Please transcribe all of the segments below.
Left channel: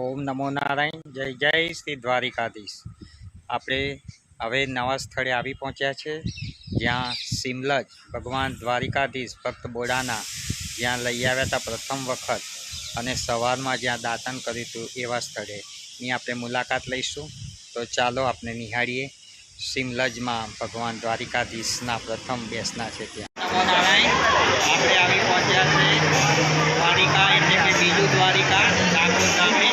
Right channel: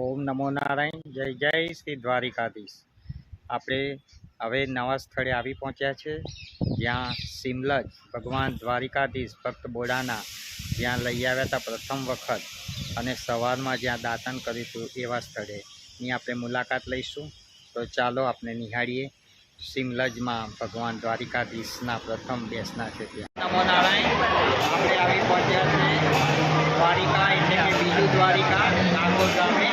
ઓમ નમો નારાયણ. જય જય શ્રી દ્વારિકાધીશ. આપણે હવે નવા સ્થળે આવી પહોંચ્યા છે, જ્યાં સિમલજ ભગવાન દ્વારિકાધીશ ભક્ત બોડાના જ્યાં લઈ આવ્યા હતા પ્રથમ વખત, અને સવારમાં જ્યાં દાતન કર્યું હતું એવા સ્થળેની આપણે મુલાકાત લઈશું. તો ચાલો આપણે નિહાળીએ સિમલજમાં ભગવાન દ્વારિકાધીશના પ્રથમ બેસના છે ત્યાં. નમો નારાયણ. આપણે આવી પહોંચ્યા છે દ્વારિકા, એટલે કે બીજું દ્વારિકા, ડાકોર ગામે.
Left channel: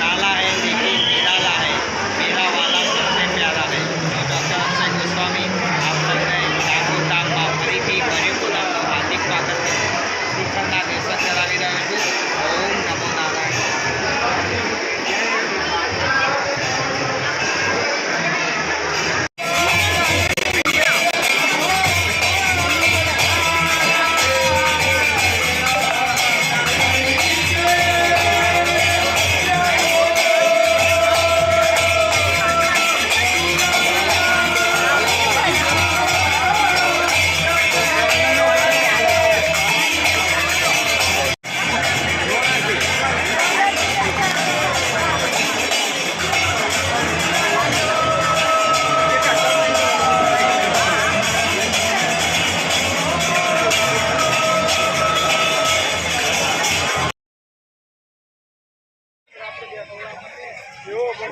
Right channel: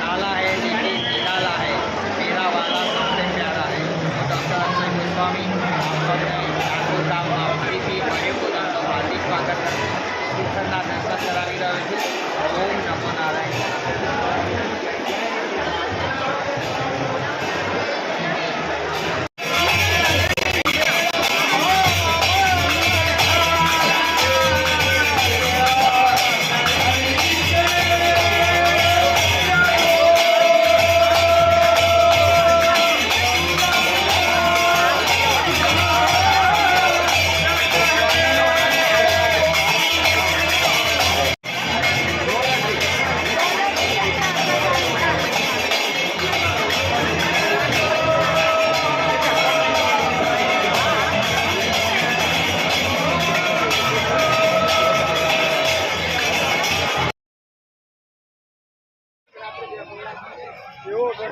काला है लेकिन निराला है, मेरा वाला सबसे प्यारा है. तो डॉक्टर अक्षय गोस्वामी आप सबने ડાકોર ગામમાં ફરીથી પરિપૂર્ણ હાર્દિક સ્વાગત છે. શિખરના દર્શન કરાવી રહ્યો છું. ઓમ નમો નારાયણ.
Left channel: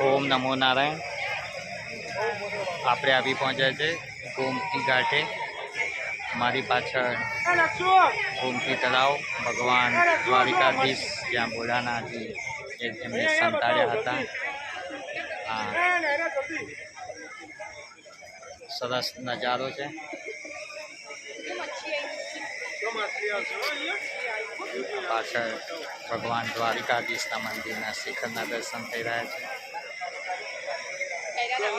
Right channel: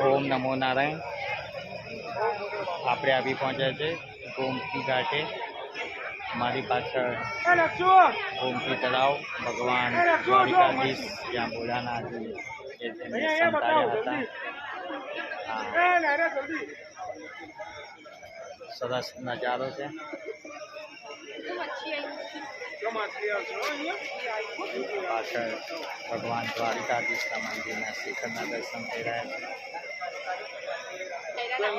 ઓમ નમો નારાયણ. આપણે આવી પહોંચ્યા છે ગોમતી ઘાટે. મારી પાછળ ગોમતી તળાવ, ભગવાન દ્વારિકાધીશ જ્યાં બોડાનાજી એમને સંતાડ્યા હતા. સરસ નજારો છે. પાછળ ભગવાન દ્વારિકાધીશના મંદિરના શિખરના દર્શન થઈ રહ્યા છે. ઓમ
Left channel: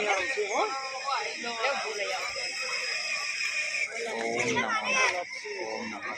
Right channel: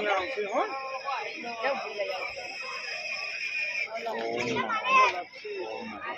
નમો. ઓમ નમો.